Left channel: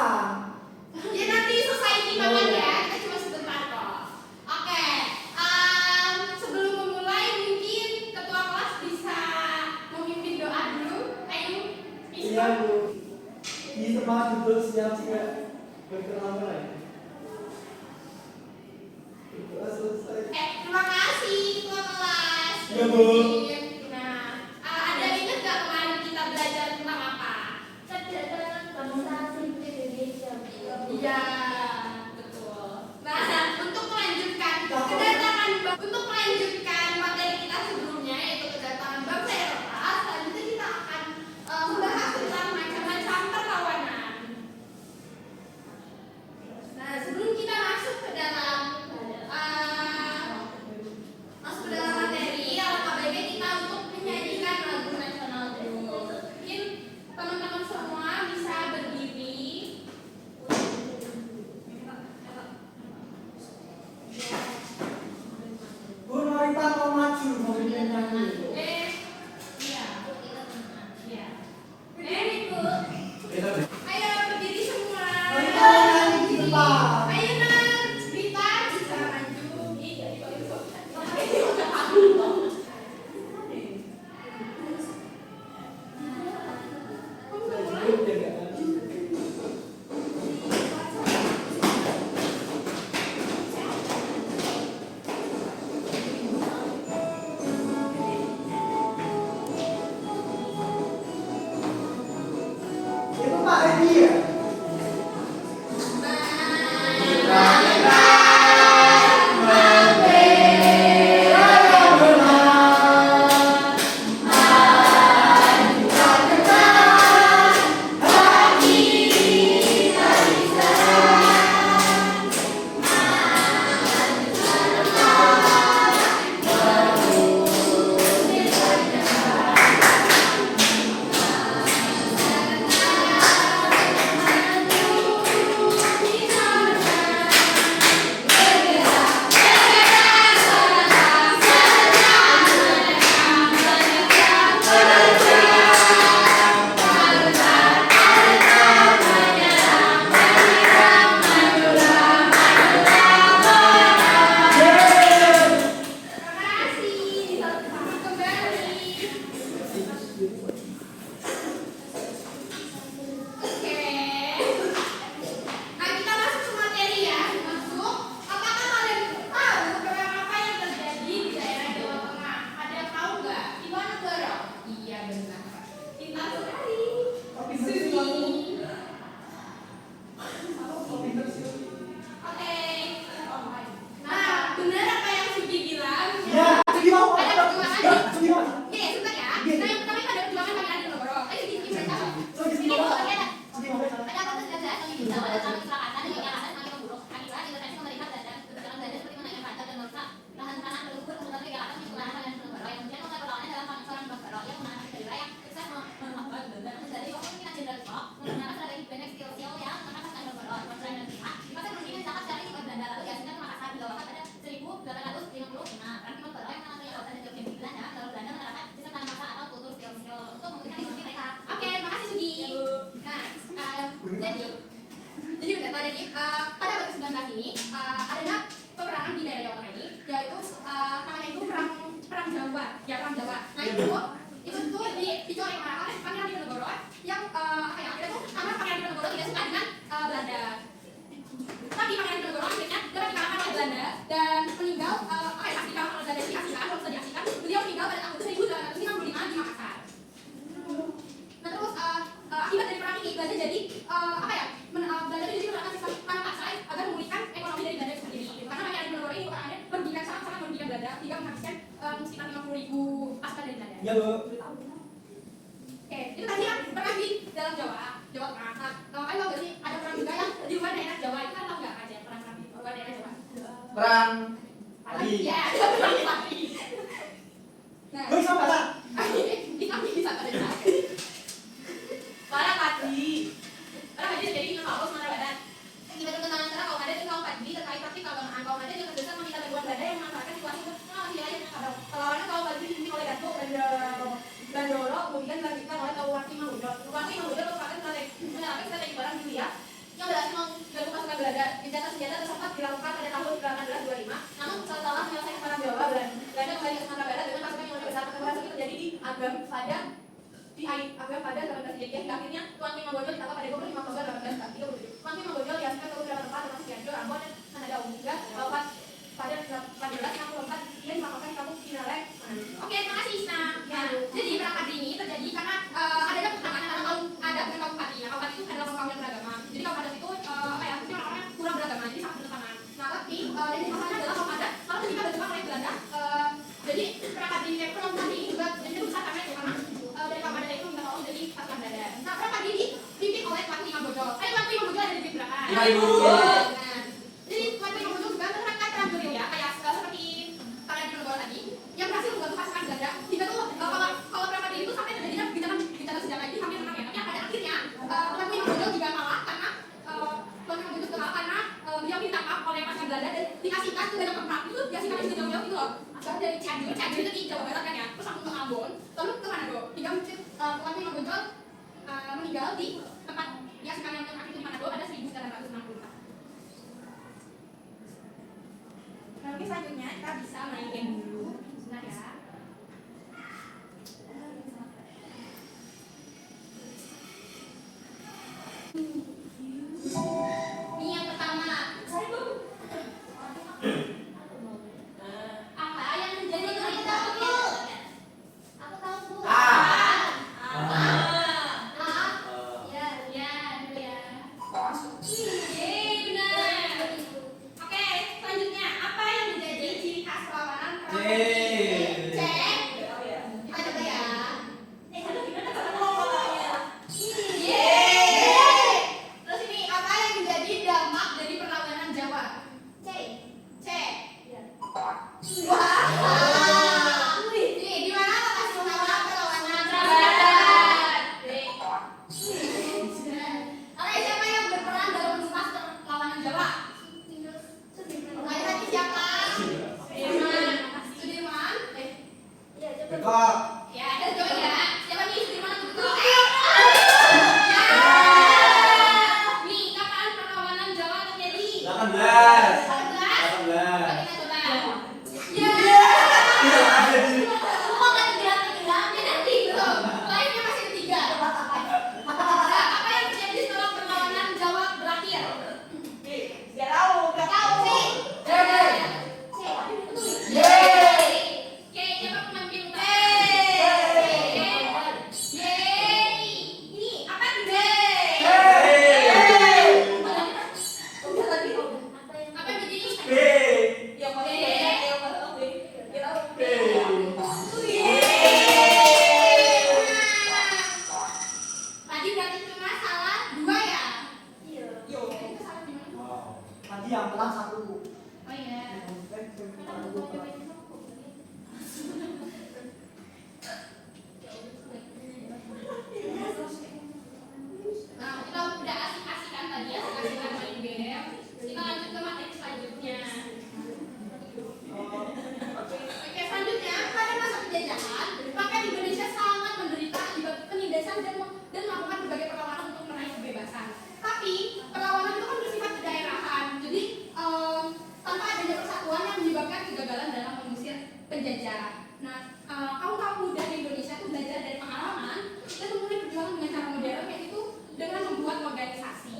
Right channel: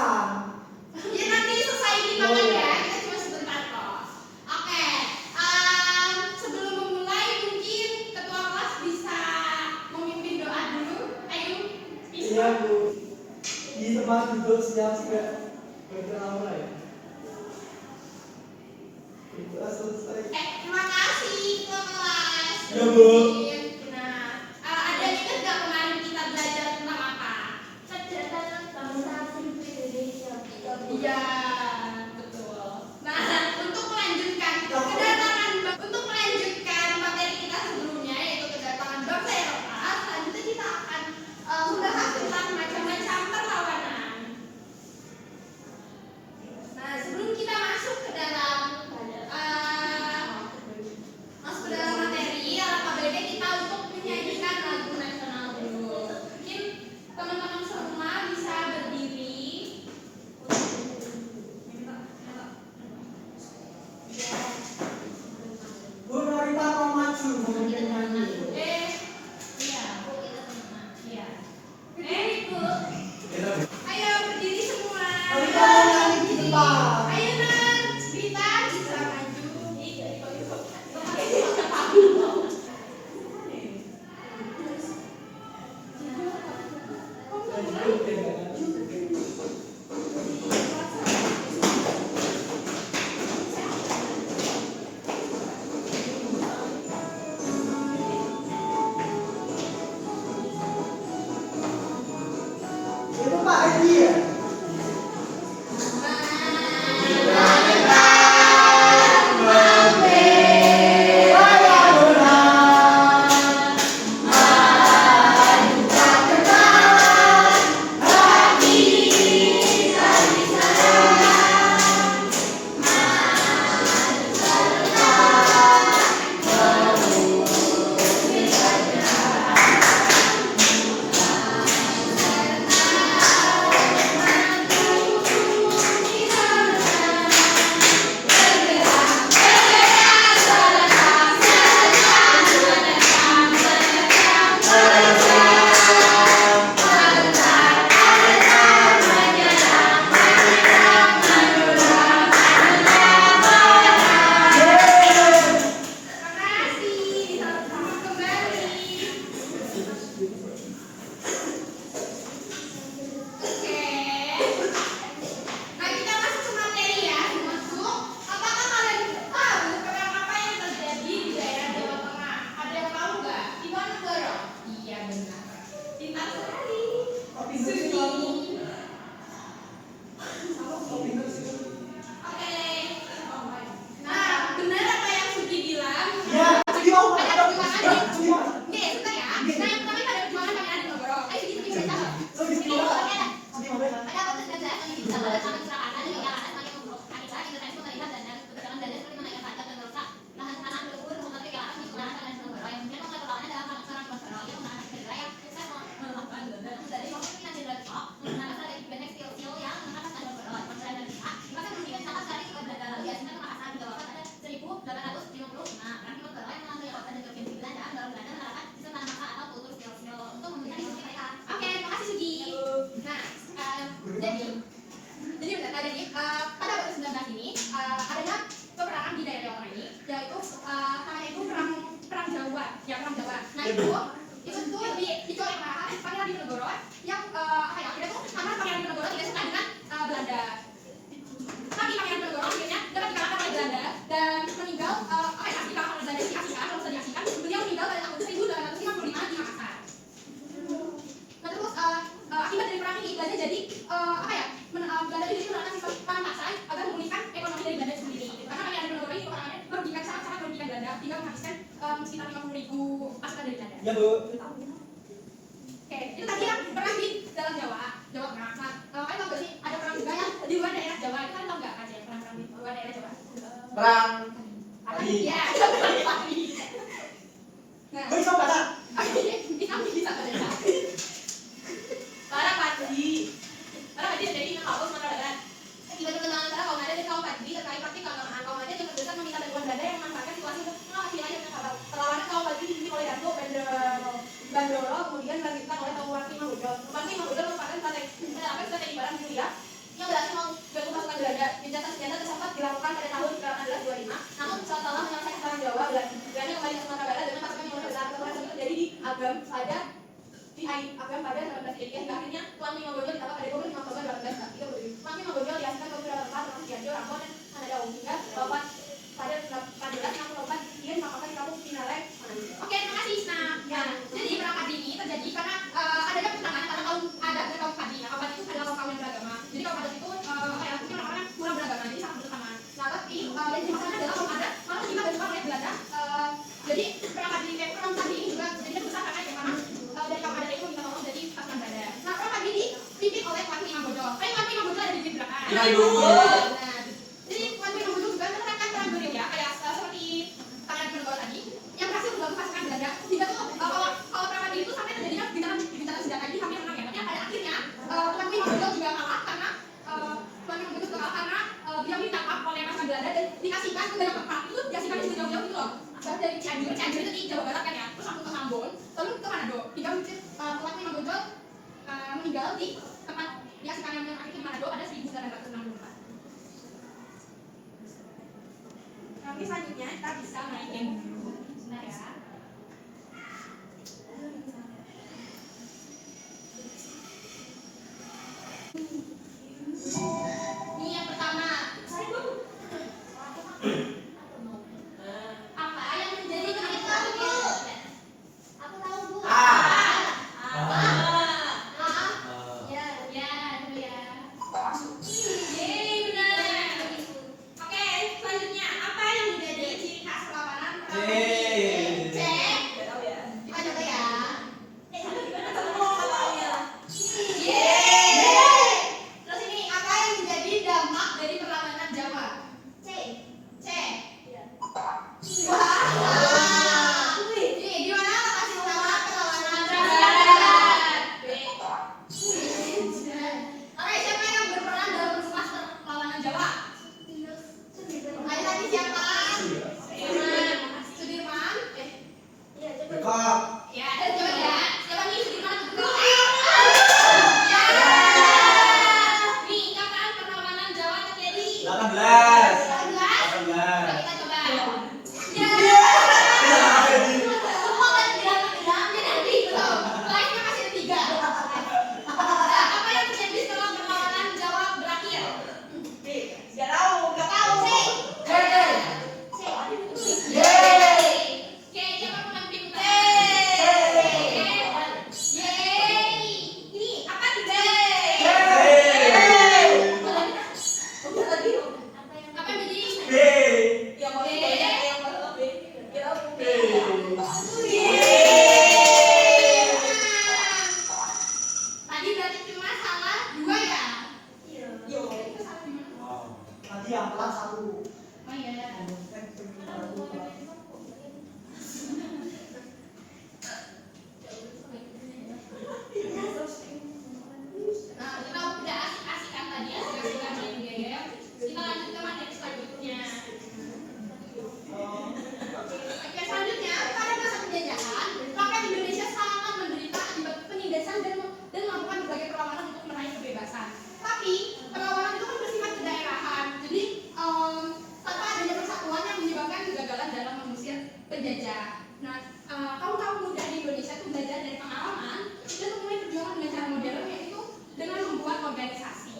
makan. Ya nanti selesai dimakan ya, kita cuma sebentar kok. Oke, sebelum memulai mungkin ketua kelas bisa memimpin doa dulu. Ayo, bisa. Iya Bu, di tempat duduk siap juga berkenalan ya. Itu selesai. Terima kasih ketua kelas. Ya Bu. Nah, ada yang ingat gak kemarin kita belajar tentang apa? Kedatangan bangsa asing Indonesia. Iya, betul. Nah, untuk melanjutkan materi kita sebelumnya yaitu kedatangan bangsa Eropa, selanjutnya kita akan membahas tentang macam-macam perlawanan. Nah, sebelum kita masuk ke dalam materi, alangkah baiknya kita untuk menyanyikan lagu nasional dulu. Mungkin teman-teman semua bisa berdiri. Bu Norita mau maju memimpin nyanyi. Ayo berdiri semua. Norita nyanyi di depan. Ayo Nan, Rita bisa maju. Itu Pak Edi ya? Ya Bu. Oke, itu tadi yang perang di dalam Jawa Tengah. Nah, kalian tahu gak sih ada perang juga yang di luar daerah Jawa itu kalian tahu nggak ada yang perang di luar daerah Jawa? Perang. Ya, perang pagi. Nah, Bisa Pak. bisa ada. Perang pagi. Perang pagi jadi kalau mana badan. Tiba-tiba tentang antara kalau ada di kelompok pagi terkait praktik keagamaan kaum aja dengan dosa meminta teguhan belanda yang memanfaatkan situasi untuk masih lain perlawanan kaum pagi dipimpin oleh Dato Gandoro kemudian dilanjutkan oleh Tawurangi Manggudel. Tawurangi Manggudel merupakan strategi perang Julia terjadi. Akhirnya Tuan Imam Bonjol ditangkap pada tahun 5 Oktober 1830. Tuan Imam Bonjol diasingkan ke beberapa tempat termasuk Cianjur, Ambon, dan Manado. Hingga pada 1864 dia ditangkap di kampung Cinareng. Oke, terima kasih. Nah, jadi perang Padi ini terjadi karena adanya pertentangan ada kaum Padi. Nah, kaum Padi itu adalah kaum yang beragama. Jadi kaum Padi itu mungkin orang-orang kurang beragama, jadi sangat bertentangan. Nah, tapi dari masalahnya adalah kaum adat malah terlibat berjuang oleh Belanda. Jadi perang Padi ini juga jadinya besar karena itu karena dari kaum adat itu minta tolong jadi pasukan Belanda. Nah, perang Padi ini dipimpin oleh Tuan Imam Bonjol. Tuan Imam Bonjol ada di Gibraltar. Iya, Ibu. Jadi Tuan Imam Bonjol juga menerangkan perang beliau ya, kayak seperti Pangeran Diponegoro tadi yang berhasil membantu pasukan Belanda. Hingga tuh kalau perang Padi itu sampai terjadinya gincangan senjata ini hampir menang ya. Tapi pada akhirnya Tuan Imam Bonjol juga kalah karena Tuan Imam Bonjol juga kalah karena beliau ditangkap oleh pasukan Belanda dan dikasihkan ke dalam perang itu dikasihkan di jauh-jauh itu loh. Asalnya dari Cianjur itu di Jawa Barat kan ya, terus langsung ke Ambon, lalu ke Manado. Hingga Tuan Imam Bonjol meninggal di tempat dikasihkan yang akhir di Manado ada 1964. Nah, mungkin selanjutnya kita bisa main game dulu. Sebentar ya. Ini yang pertama. Apa yang menjadi cerita Bu? Aku tahu Bu. Ya, itu ya. Benar. Oke, selanjutnya apa yang menjadi ciri khas perlawanan perang Padi? Cek. Kita coba ya. Terus ini apa yang menjadi dampak dari perlawanan Jawa? C. Wah. Nih, di mana lokasi utama perlawanan Barat? B. Oke, siapa yang berperan dalam menulis perlawanan Jawa? Ayo tadi siapa? Sudirman. Kok? Ya, coba ya. Siapa nih Sudirman atau Bekal? Nih, kapan perlawanan Jawa terjadi? 18. 18. Kita coba. Kok nggak bilang? Ya nanti belum. Live-nya masih ketiga. Nah, apa yang terjadi setelah perlawanan Jawa berakhir? Nggak tahu sih. Oke, siapa pendamping utama? Ini apa tidak? Apa yang jadi? B. Tadi berarti cuma salah 2 ya? Tadi yang pelan 1. Oh iya. Nah, kita udah asik-asikan tadi, asik-asikan main game. Kita lanjut ke materi selanjutnya. Oke, selanjutnya pada masa penjajahan, rakyat Indonesia sangat menderita akibat penindasan dan melakukan berbagai perlawanan untuk meraih kebebasan. Tapi perlawanan itu kan bersifat kedaerahan, jadi tanpa adanya persatuan yang menyebabkan kegagalan dalam mengusir penjajah. Nah, kaum muda di Indonesia itu belajar dari pengalaman dan memulai perjuangan dengan cara modern, yaitu dengan membuat organisasi.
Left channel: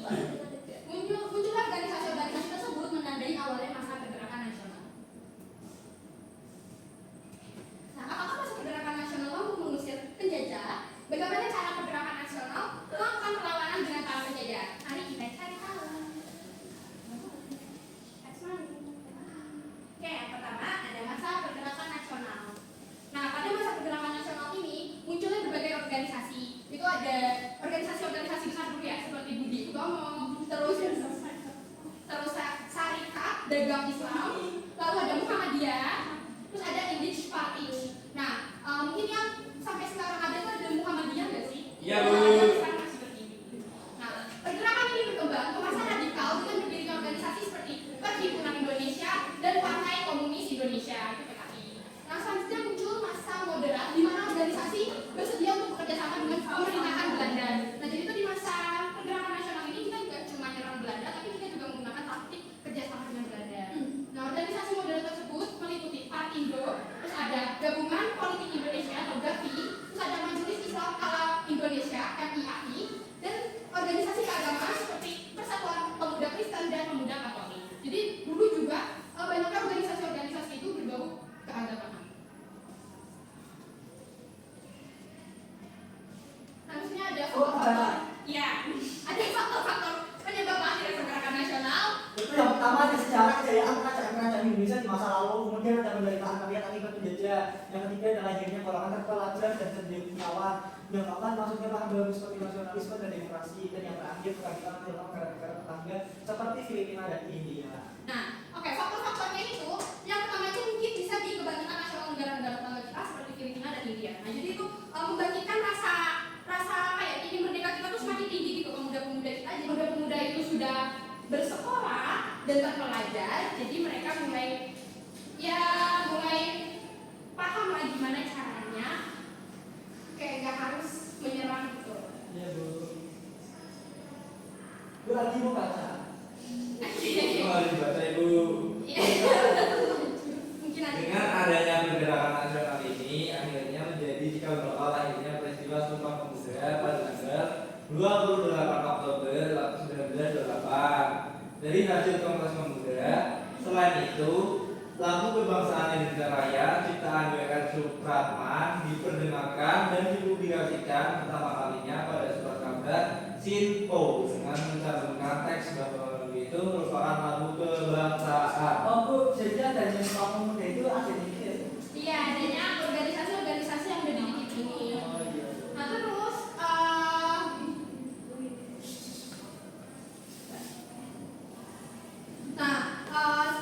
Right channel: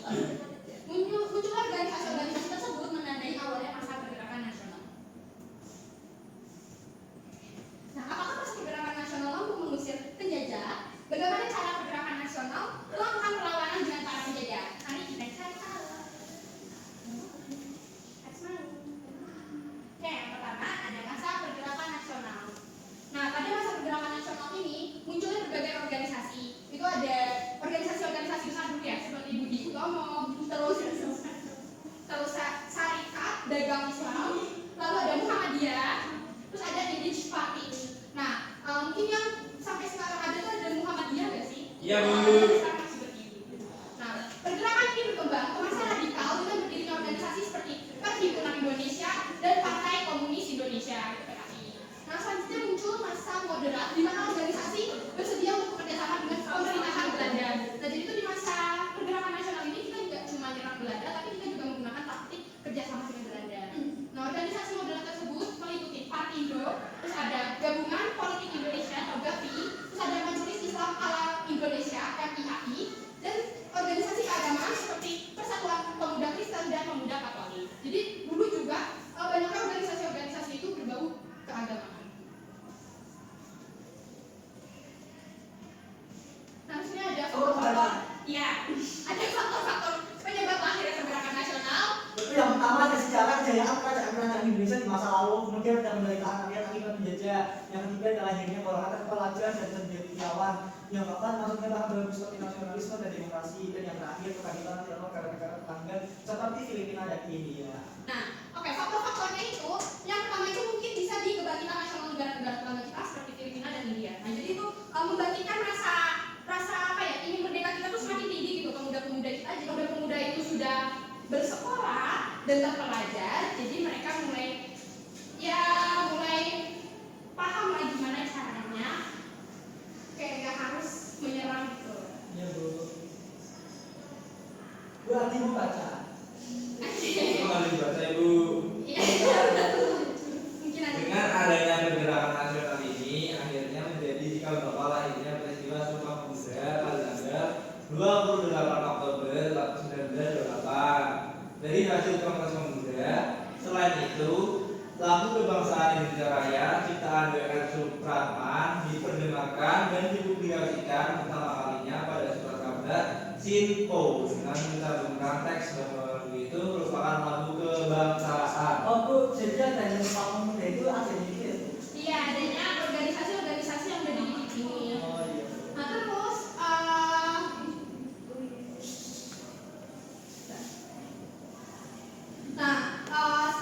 Muncullah organisasi-organisasi tersebut menandai awalnya masa pergerakan nasional. Nah, apakah masa pergerakan nasional mampu mengusir penjajah? Bagaimana cara pergerakan nasional melakukan perlawanan dengan para penjajah? Mari kita cari tahu. Oke, yang pertama ada masa pergerakan nasional. Nah, pada masa pergerakan nasional ini munculnya berbagai organisasi. Itu ada organisasi-organisasi besar dulu ya, seperti Budi Utomo, terus Syarikat Dagang Islam, lalu ada Muhammadiyah, terus ada English Party. Nah, mungkin yang sampai sekarang ada tuh ada Muhammadiyah nggak sih? Iya, Bu. Muhammadiyah sekarang masih berdiri. Nah, pergerakan ini berkembang ke masa radikal dengan berdirinya organisasi seperti Perhimpunan Indonesia dan Partai Komunis Indonesia (PKI). Nah, selanjutnya muncul masa moderat di mana organisasi bersedia untuk bekerjasama dengan pemerintahan Belanda. Nah, jadi itu di masa pergerakan nasional ini kita tidak cuma menyerang Belanda, tapi kita juga menggunakan taktik kerjasama dengan Belanda. Nah, kerajaan Indonesia di masa lalu, kemudian ada penderitaan rakyat akibat penjajah. Yang ketiga adalah lahirnya golongan pelajar dan cendekiawan. Yang keempat masuknya paham baru seperti nasionalisme dan demokrasi. Dan yang terakhir kebangkitan nasional karena negara tetangga seperti Filipina dan India. Nah, oke, faktor-faktornya itu yang pertama itu mungkin bisa di kebangkitan nasional negara-negara tetangga kita seperti Filipina dan India. Nah, jadi itu membangkitkan rasa apa ya, ingin merdeka kita tuh semakin tinggi gitu. Pemuda-pemuda kita, jadi pemuda-pemuda itu sudah bersekolah dan terpelajar, jadi mereka mulai paham lah gimana caranya kayak gak harus menyerang gitu. Iya Bu. Bu Adi mau baca. Harus baca Ibu. Mungkin nanti. Dengan adanya pergerakan nasional ini, akhirnya menjadi cikal bakal lahirnya peristiwa Sumpah Pemuda pada tanggal 28 Oktober 1928. Dari hasil Kongres Pemuda, selain itu, lagu kebangsaan Indonesia Raya ciptaan W.R. Supratman diperdengarkan dan dipublikasikan pertama kalinya pada surat kabar Sinpo dengan mencantumkan teks bahwa itu merupakan lagu kebangsaan. Oh Bu, jadi adanya Sumpah Pemuda itu adanya gitu. Iya, adanya organisasi-organisasi yang udah dibikin ini. Oh iya. Nah terus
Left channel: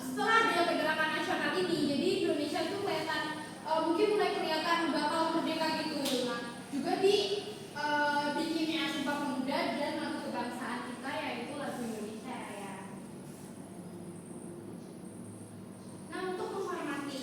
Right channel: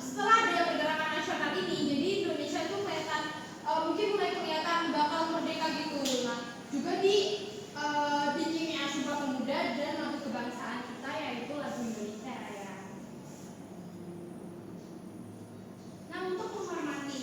setelah ada pergerakan nasional ini, jadi Indonesia itu kelihatan mungkin mulai kelihatan bakal merdeka gitu. Nah juga bikinnya Sumpah Pemuda dan lagu kebangsaan kita yaitu lagu Indonesia Raya. Nah untuk menghormati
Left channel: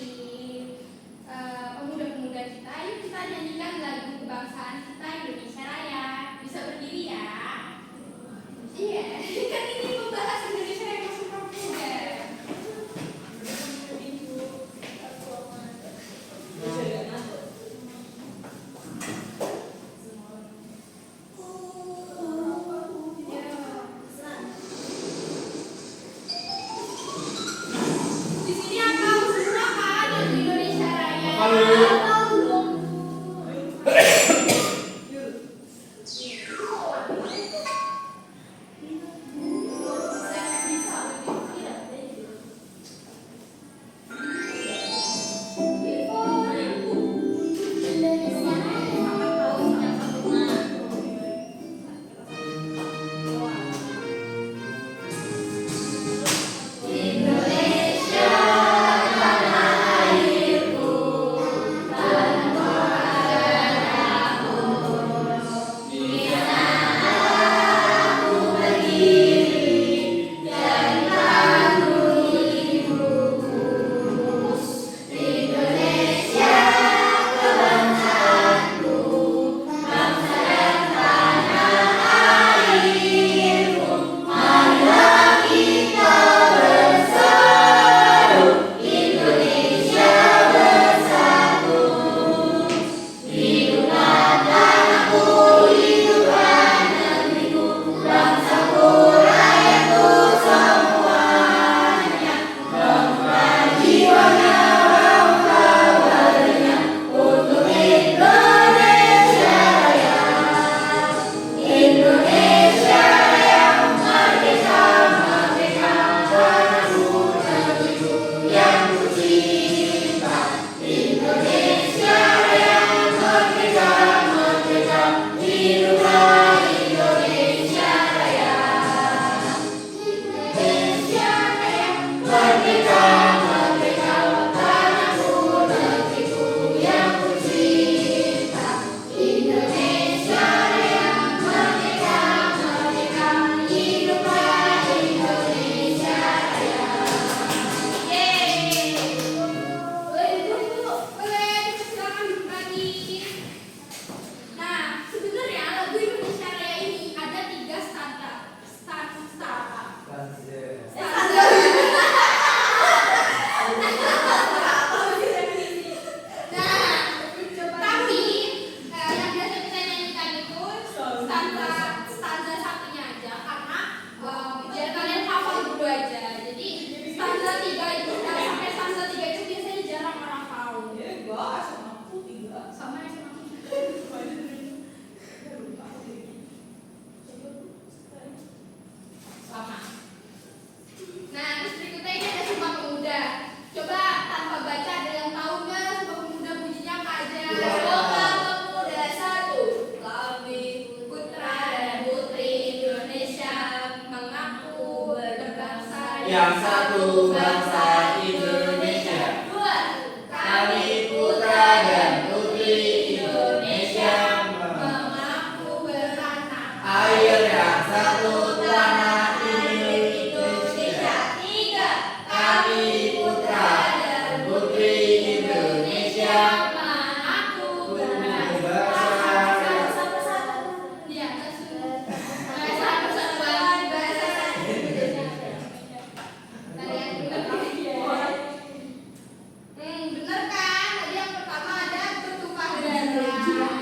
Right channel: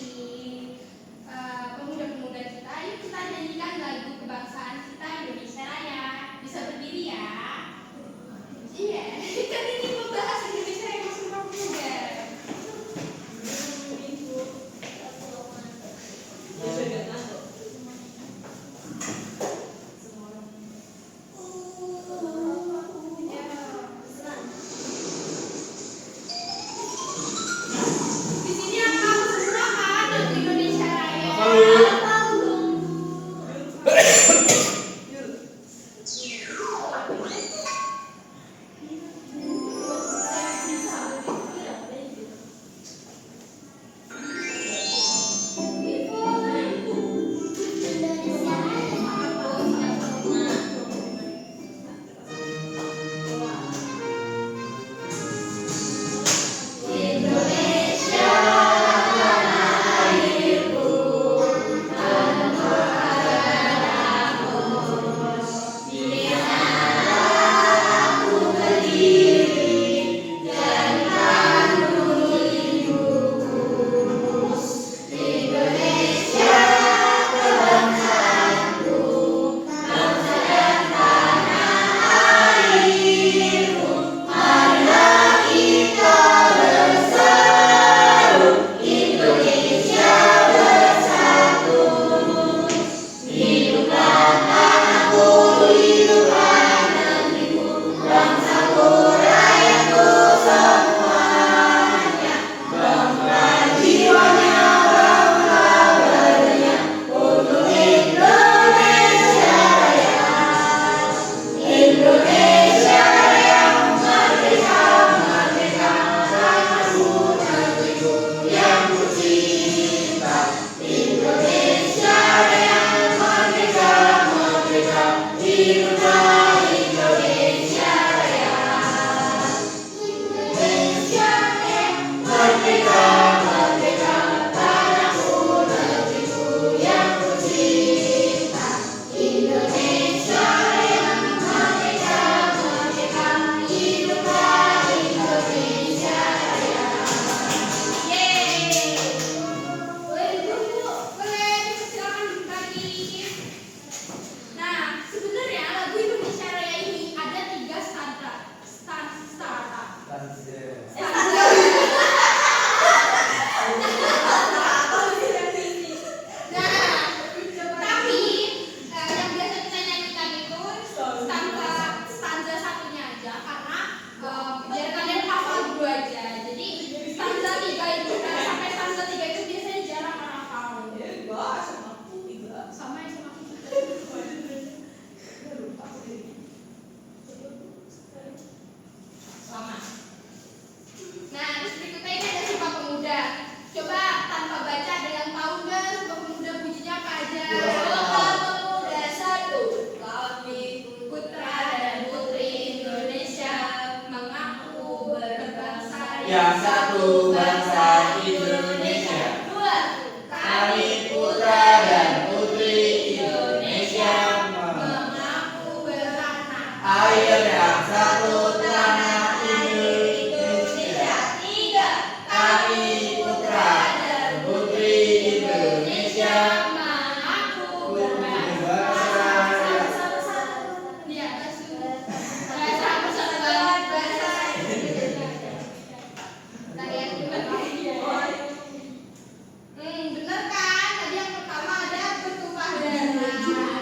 yang satu bangsa Indonesia. Dua. Kami putra dan putri Indonesia Mengaku beranak air yang satu tanah Indonesia. Tiga. Kami putra dan putri Indonesia Mengaku berbangsa. Dia bahasa persatuan bahasa kalian bener kan? Tadi yang pertama ada bertumpah darah.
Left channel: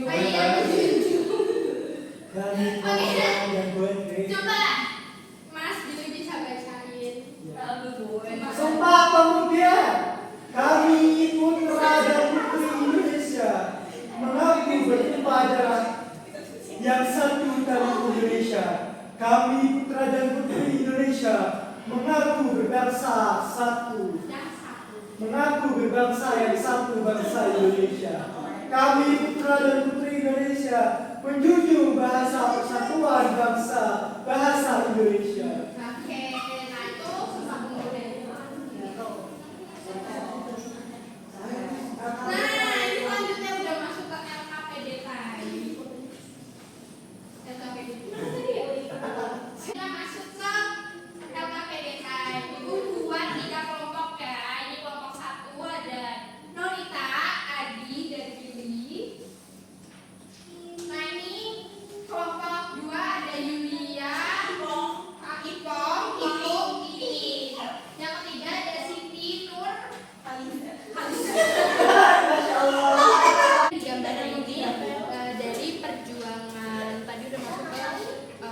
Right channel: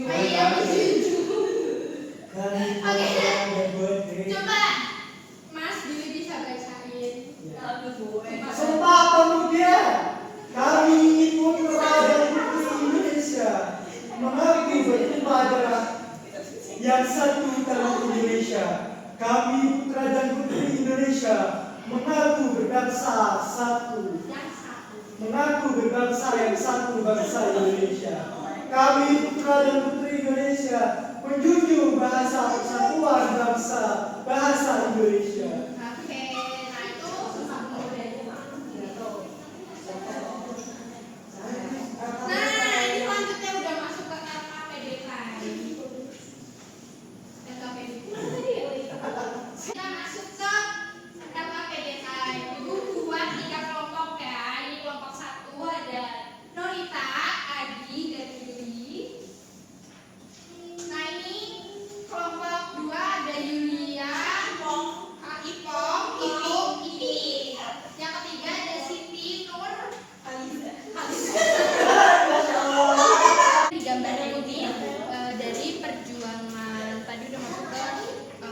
Kayak menjunjung. Kami Oke. dan putri. Coba Mas Billy bisa bacain. Sumpah Pemuda, kami putra dan putri Indonesia mengaku bertumpah darah yang satu tanah Indonesia. Kami putra dan putri Indonesia mengaku berbangsa satu. Yang satu. Mengaku berbangsa yang satu bangsa Indonesia. Kami putra dan putri Indonesia menjunjung bahasa persatuan bangsa bahasa Indonesia. Oke, nah itu Sumpah Pemuda. Nah, ini selanjutnya udah masuk ke LKPDKI. Kita masuk ke LKPDKI. Ibu buat 3 kelompok ya. Ini kelompok 1 ada Nonita, Adi, dan Yuli. Nah ini kelompok 2 ada Yulia, Ipong, Ipi. Yang ketiga ada Siti, Nur, di gambar ini dari perjuangan tadi udah masuk ke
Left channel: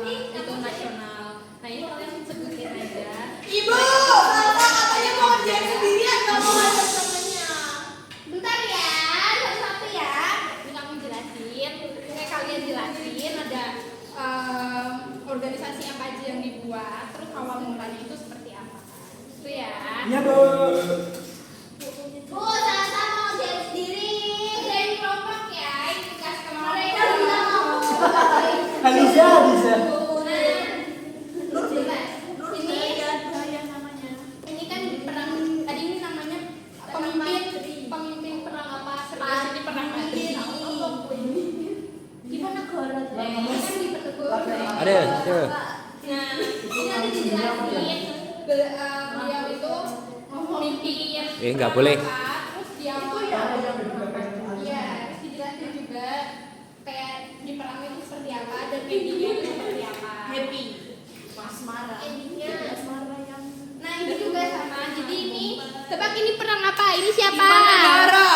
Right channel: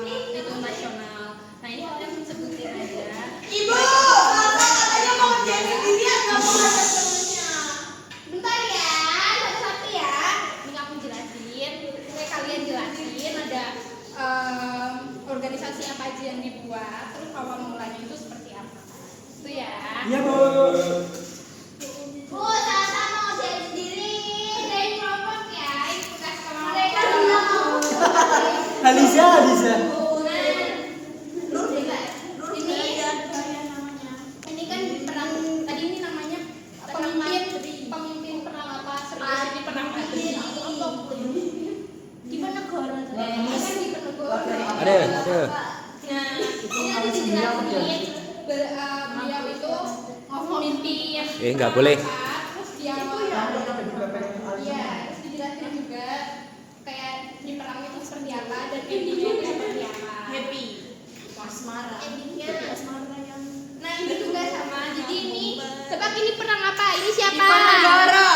itu nasional. Nah ini kalian sebutin aja. Ibu, Bapak katanya mau ngerjain sendiri atau mau ngajak temennya? Bentar ya, satu-satu ya. Ini kamu jelasin, kayak kalian jelasin ada organisasi apa aja yang dibuat, terus awal mulanya itu seperti apa. Itu ya. Iya, Bu. Bu, Sasa mau jadi sendiri. Kerjain kelompok ya. Ini tugas kamu. Mereka Aliza. Ini kan perang. Tadi ini namanya pemimpin perang apa? Ini perang apa? Gimana negara? Ini kan di negara. Ada. Nah, ini ada dijelasin. Beliau itu memimpin. Nggak boleh. Terus dia iya, terus dijelasin juga kayak di perang itu seperti apa dan endingnya itu seperti apa. Happy. Endingnya yang. Nah ini juga sama. Jadi ini tebak ini perang apa? Ini siapa? Diponegoro.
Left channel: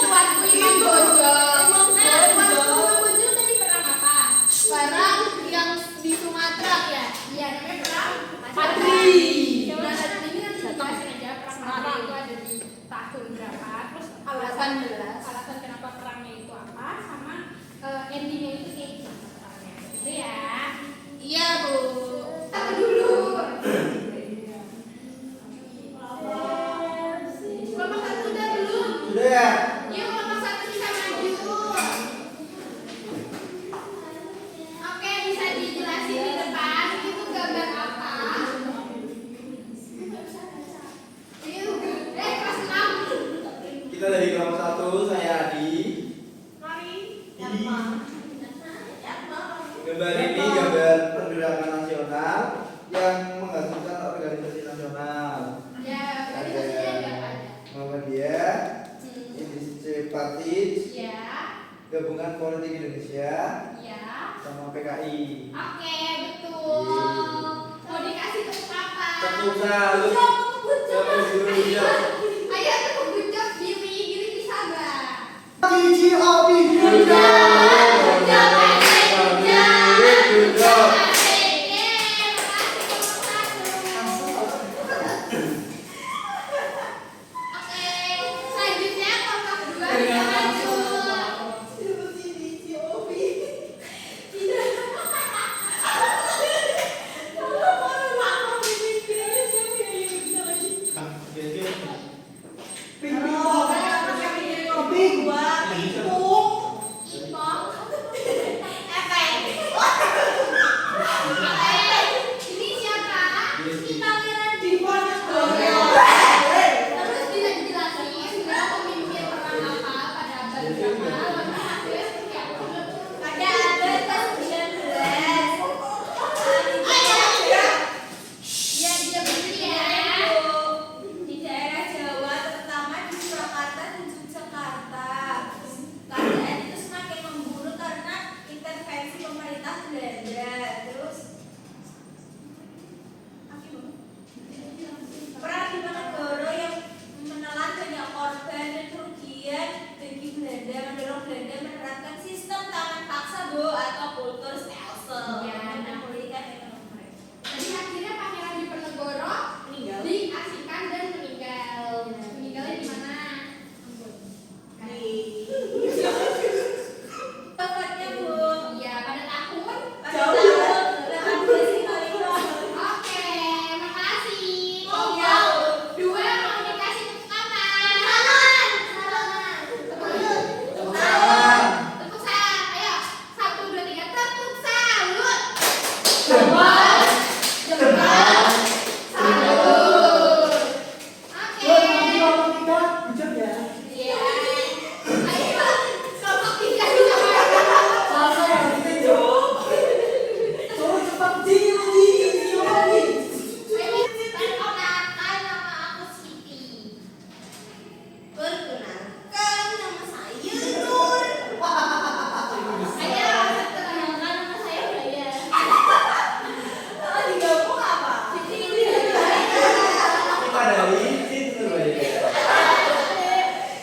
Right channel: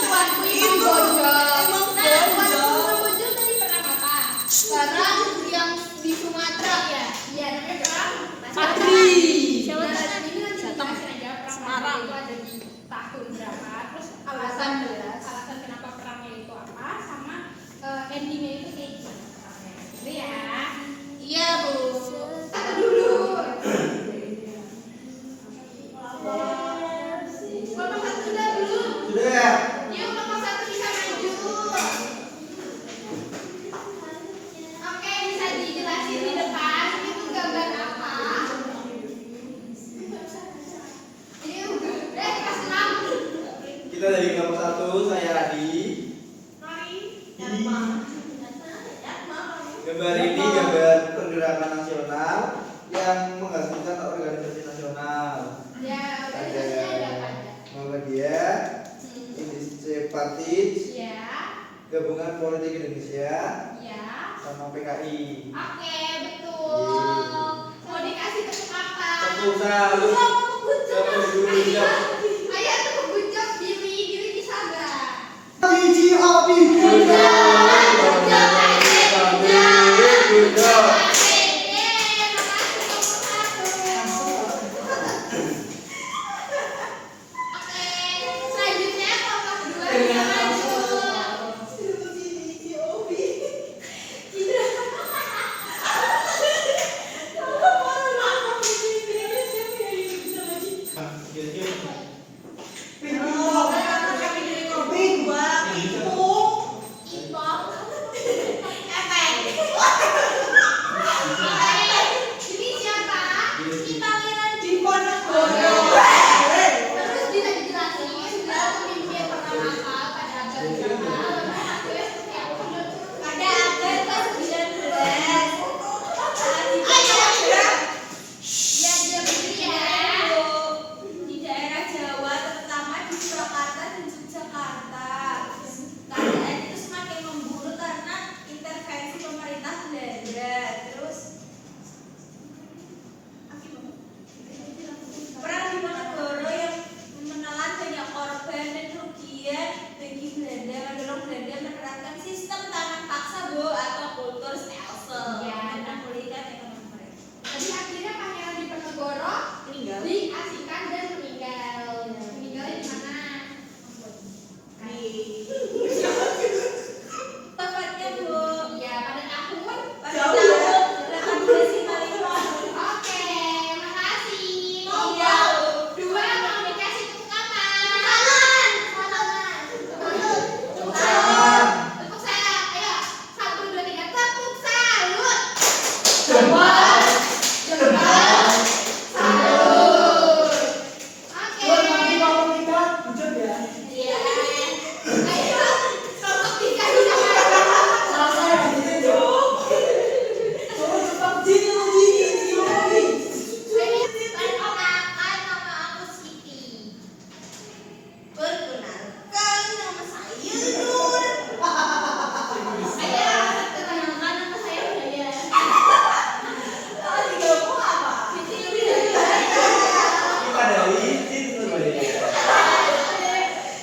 Tuanku Imam Bonjol. Nah tuanku Imam Bonjol tadi perang apa? Perang yang di Sumatera ya. Iya namanya perang Madri. Nah ini nanti dijelasin aja perang Madri itu ada di tahun berapa. Terus alasan kenapa perangnya itu apa sama endingnya itu kayak gimana perangnya. Itu ya. Iya Bu. Satu dulu. Kelompok 1 udah belum? Sudah ya? Yuk kelompok 1 bisa maju. Oke, bisa dijelasin di depan itu gambar apa? Ini kelas 6. Kita dari kelompok 1, saya Adi. Gambar ini gambar pergerakan nasional yang menghasilkan organisasi nasional. Ya, Ada organisasinya ada. Muhammadiyah, Indonesia Partit, Ya, Gabungan Politik Indonesia, ya. sama PKI. Oke, betul. Mau dikasih tepuk apa? Tepuk salus. Tepuk dulu. Ayo tepuk buncok Billy bisa nggak? Cici api muda. Selanjutnya kelompok 2 bisa maju. dan dia menerapkan sistem tangan paksa Bu atau kultur stelsel Iya. yang memulihkan ekonomi mereka. Jadi akhirnya Pangeran Diponegoro Meninggal. diasingkan dan meninggal. Meninggalnya di mana? Tepatnya Bu. Iya, pada tahun. Pada Jauh tahun ya? 1855. Oke, makasih. Iya. Dua mau dikasih tepuk tangan. Tepuk tangan. Tepuk salam. Ayo, 1, 2, 3, tepuk salut. Jempol. Jempol. Salut. Oke. Buat nanti kalau kita hujan ya. Iya. Ayo, kelompok 3 silakan. Salsa yang kita jauh. Jauh cepat Jilly. Perkenalkan nama aku Siti. Perkenalkan nama saya Nur. Ayo, perkenalkan nama saya Daya. Kalau digabung apa? Siti Daya. Kita dari Siti Nurbaya.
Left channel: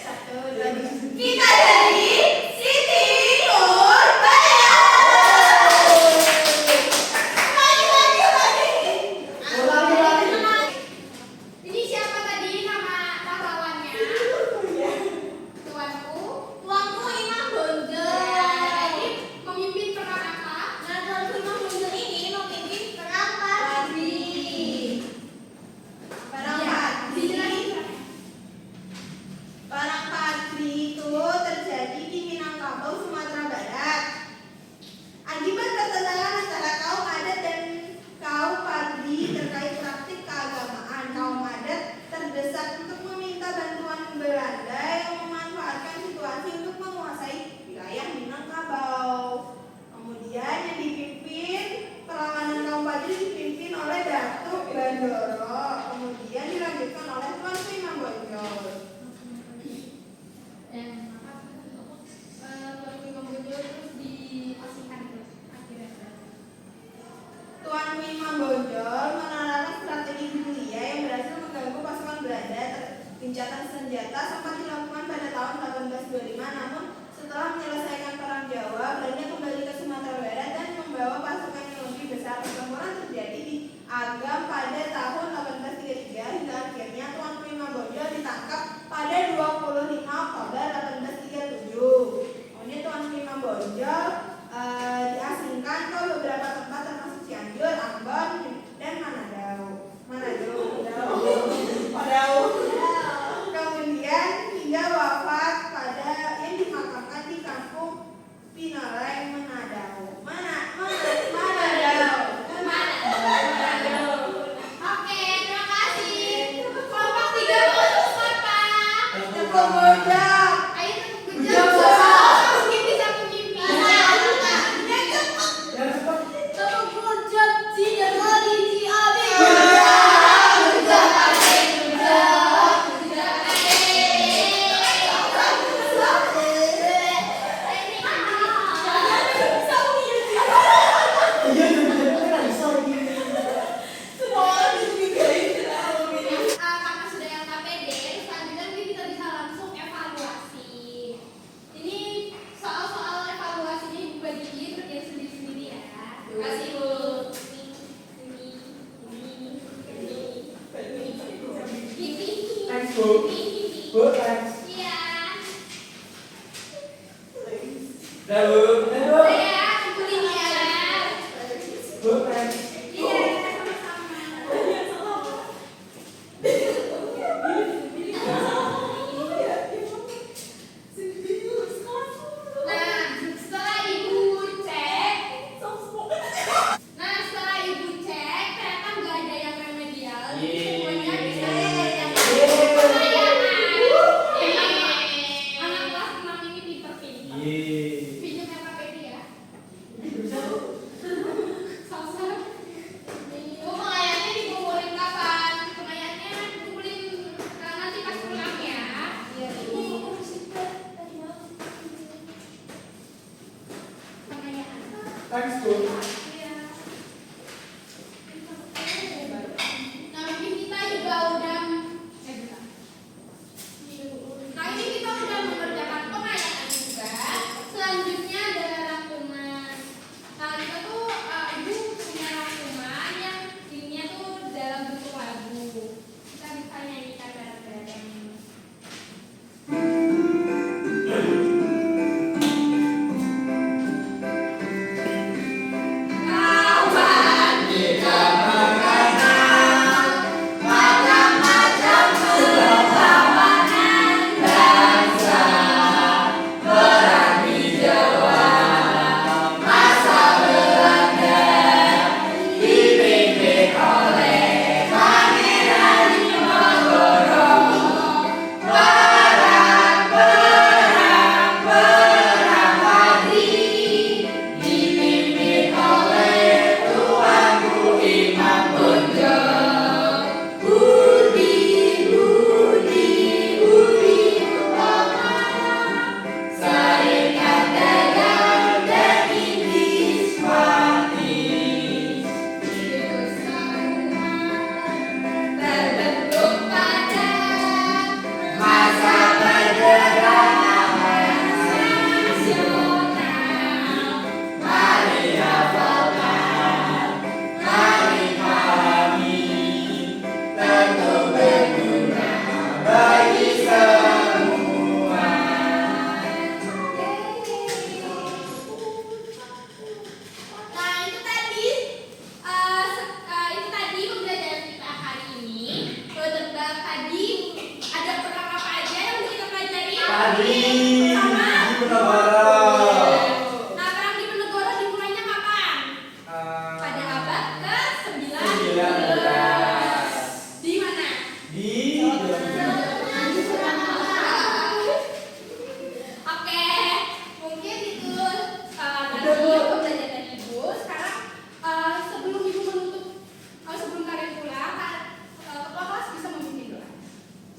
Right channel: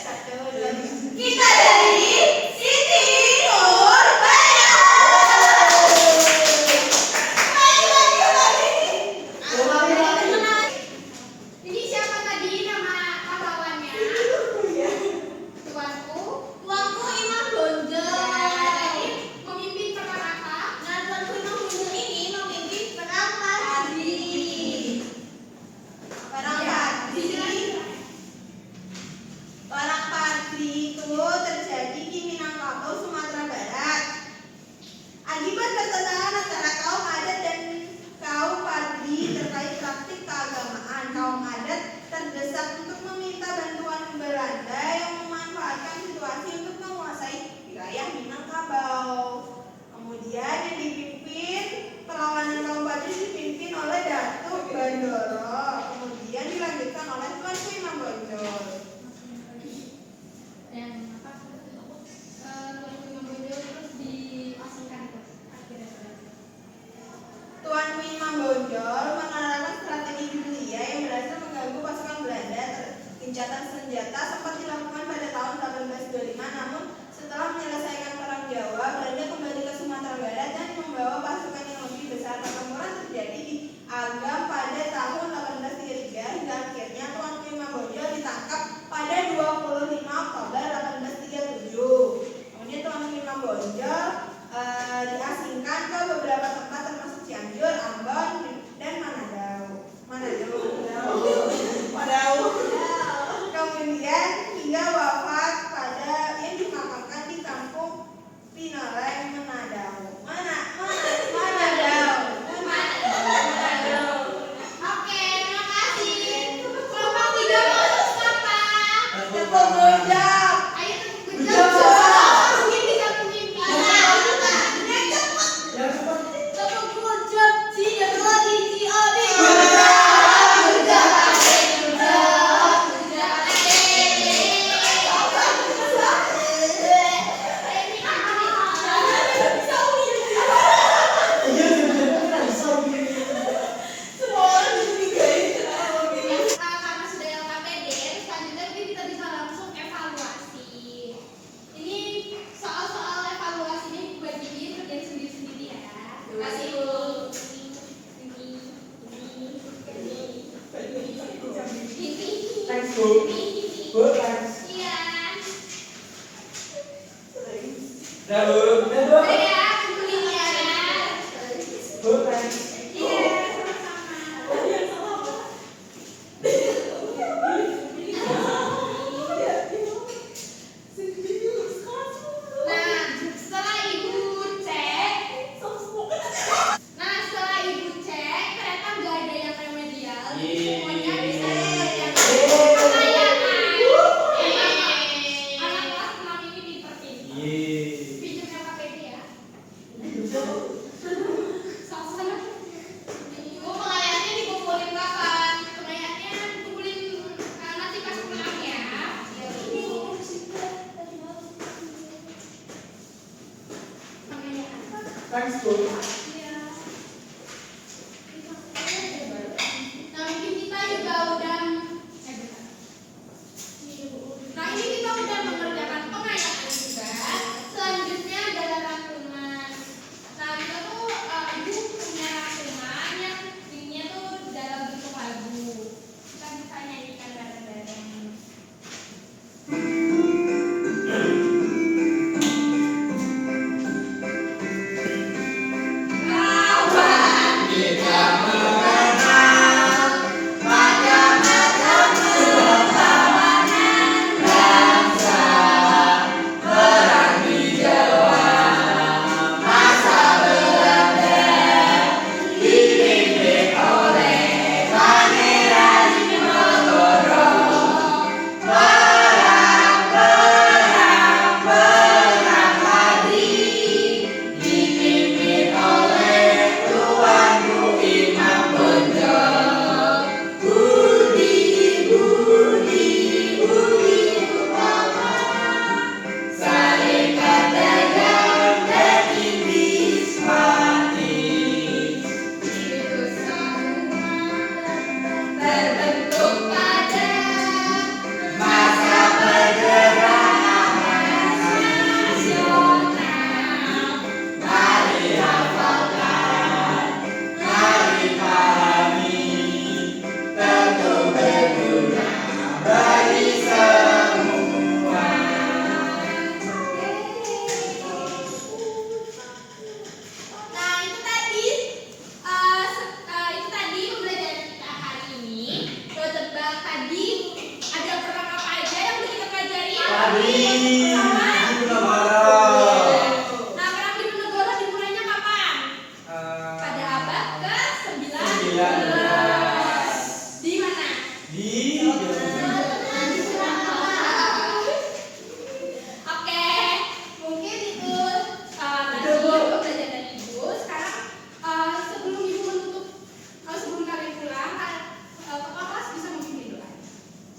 Satu, dua, tiga. Kita dari Siti Nurbaya. Ini siapa tadi nama pahlawannya? Tuanku. Tuanku Imam Bonjol. Tadi memimpin perang apa? Nah, Tuanku Imam Bonjol ini memimpin perang Padri. Perang Iya, Padri. dijelasin. Perang Padri itu terjadi di Minangkabau, Sumatera Barat. Akibat pertentangan antara kaum adat dan kaum Padri terkait praktik keagamaan, kaum adat terdesak untuk meminta bantuan Belanda yang memanfaatkan situasi untuk menguasai wilayah Minangkabau. Kemudian yang dipimpin perlawanan kaum Padri dipimpin oleh Datuk Bandoro. Kemudian dilanjutkan oleh Tuanku Imam Bonjol. Dan apa? Tuanku Imam Bonjol terus diasingkan itu akhirnya. Tuanku Imam Bonjol menerapkan strategi gerilya yang berhasil mengganggu pasukan Belanda. Gencatan senjata sempat dilakukan pada tahun 1825, namun setelah menyelesaikan perang Jawa, Belanda kembali ke Sumatera Barat dan membawa pasukan yang lebih besar. Pertempuran terjadi di Agam pada tahun 1833 hingga akhirnya Tuanku Imam Bonjol ditangkap pada 25 Oktober 1837. Kemudian Tuanku Imam Bonjol diasingkan ke beberapa tempat termasuk Cianjur, Ambon, dan Manado. Kemudian hingga wafat pada yang dimakamkan di kampung Pinoleng, Manado. Oke, terima kasih. Kelompok 3 mau terus apa? Tepuk gojak. Ayo tepuk Gujang, gujang. Pak. Mungkin bisa memimpin. Yang cepat. Tepuk gojak. Iya, bener-bener kan bisa gini. Semua orang di sini guys. Karena sudah LKPD, selanjutnya mungkin kita bisa langsung evaluasi. Ini soal-soal evaluasi ini dibagi kerjain sendiri-sendiri ya. Kasih Thanks, Bu. Bu, thanks. Iya. Dah, Bu. Bu. Udah ya, kumpulin ya. Bu, thanks. Iya, sama-sama. Nah, setelah ibu cek, ternyata nggak ada yang remedial. Jadi semuanya bisa dikerjakan. Anak kelas 6 ini pinter-pinter. Yeay. Pinjam LKPD ya. Bisa, Bu. Salsa. Pengayatnya dikumpulin kapan? Pengayatnya dikumpulin nanti pas pulang ya. Pengayaan. Thanks, Bu. Iya. Nah, mungkin kita juga udah bukan. Nah, ini kita udah mengerjakan pengayaan juga.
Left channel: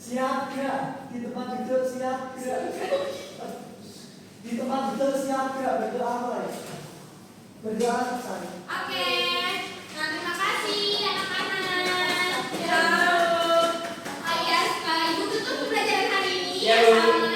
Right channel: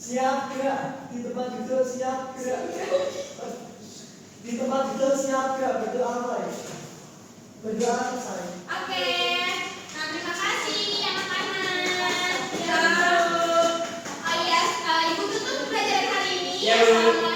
Siap gerak. Di tempat duduk siap gerak. Di tempat duduk siap gerak. Berdoa mulai. Berdoa selesai. Oke. Nah, terima kasih anak-anak. Ya. Oh iya, Ibu tutup pembelajaran hari ini. Ya, Bu. Assalamualaikum